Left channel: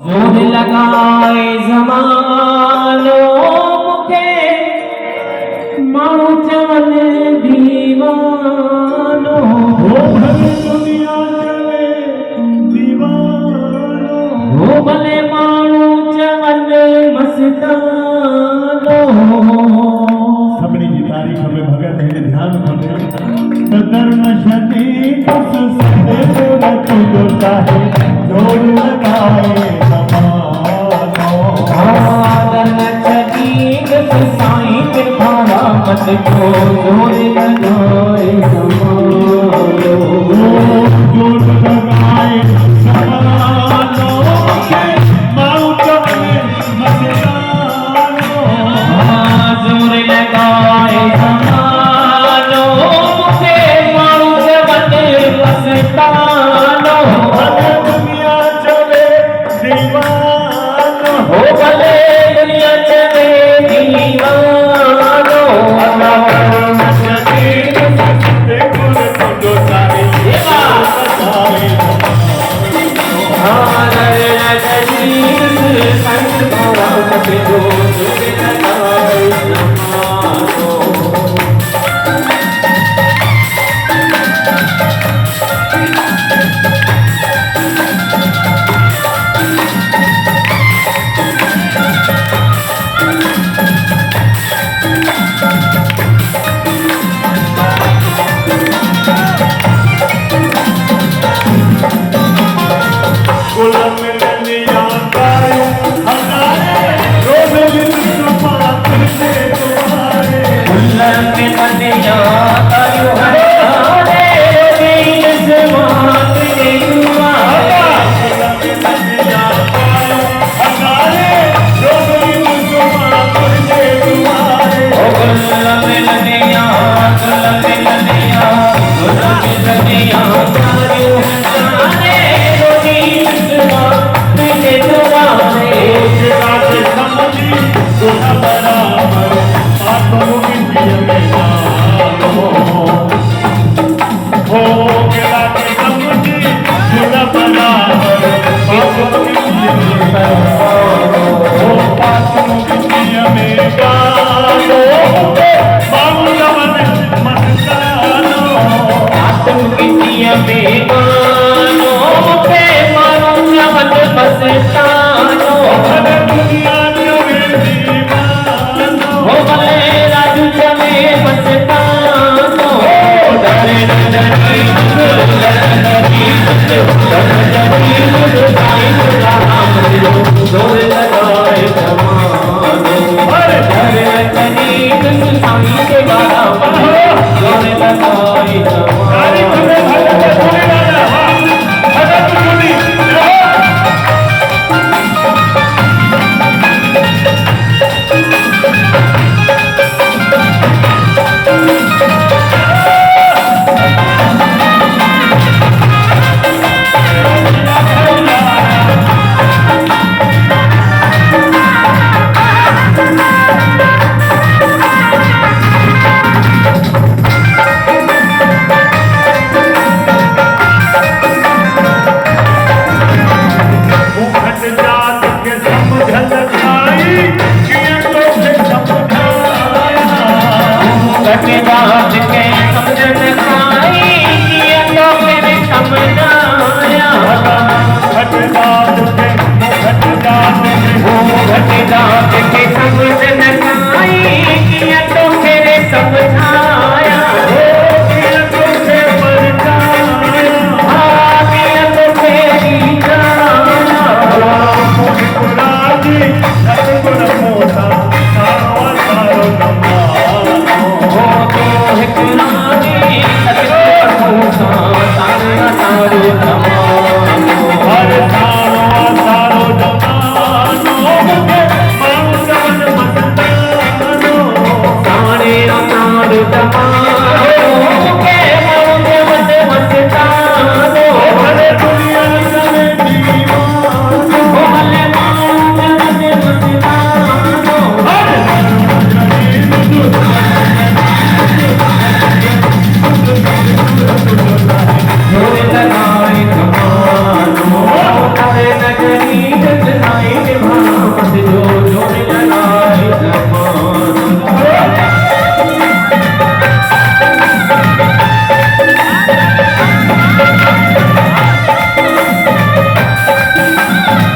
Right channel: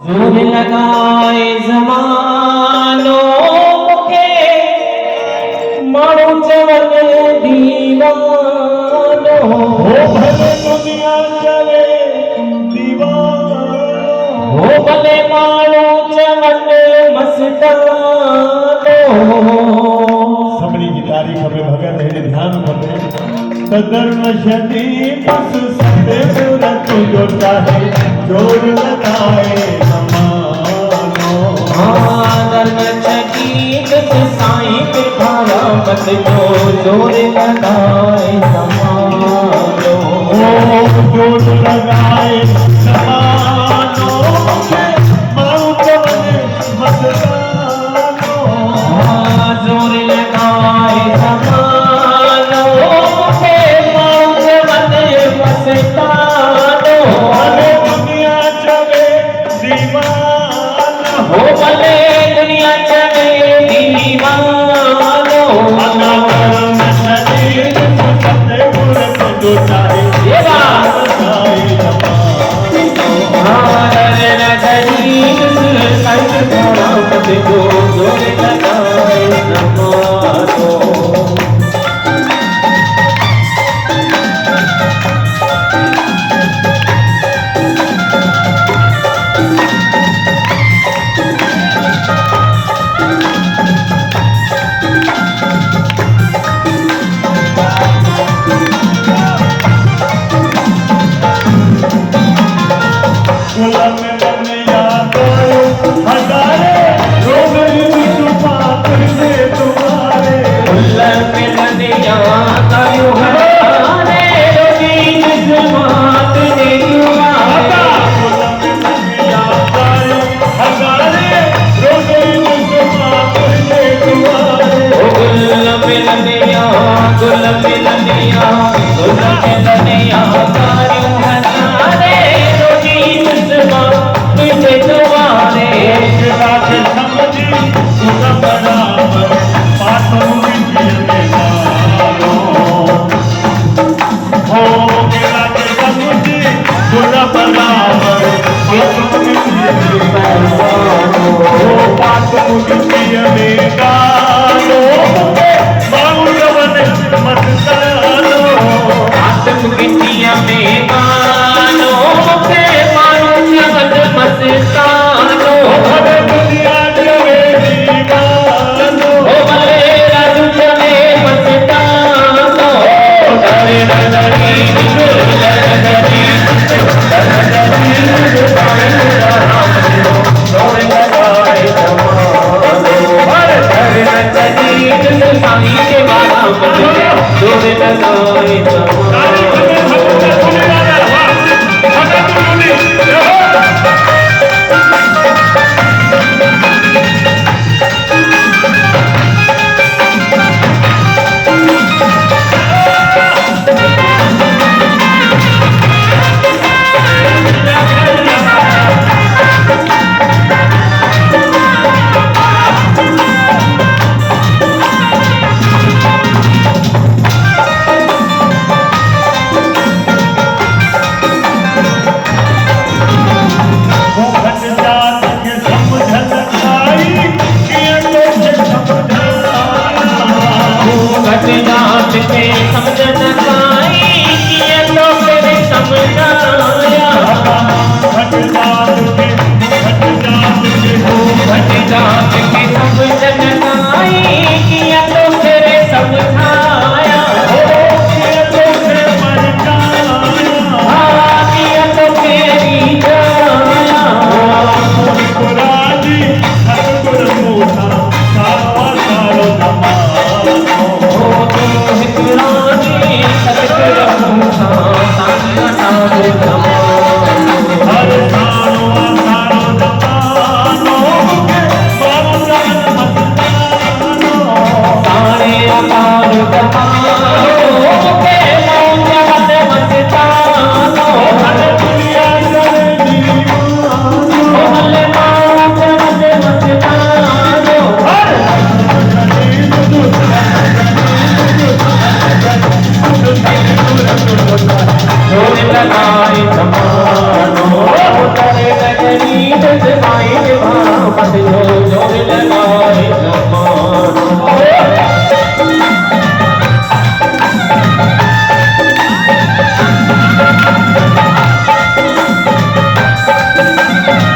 जोर लगाए ज़मानो मुखे माण्हू चवनि दीवानो हो भले दुनिया चवे दीवानो हो भले माण्हू चवनि मस्तानो सभिनी जी तारीफ़ में भगत हिन ध्यान खपे त धर्म शनि बस सतगुर तुंहिंजो चाहे जोर लगाए ज़मानो आगर चटीक साईं कृपारा मत जो जोर लगाए ज़मानो जोर लगाए ज़मानो माण्हू चवनि मस्तानो जोर लगाए ज़मानो मुखे माण्हू चवनि मस्तानो भले दुनिया चवे दीवानो हो भले दुनिया चवे दीवानो धर्म शनि सतगुर तुंहिंजो चाहे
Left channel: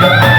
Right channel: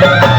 है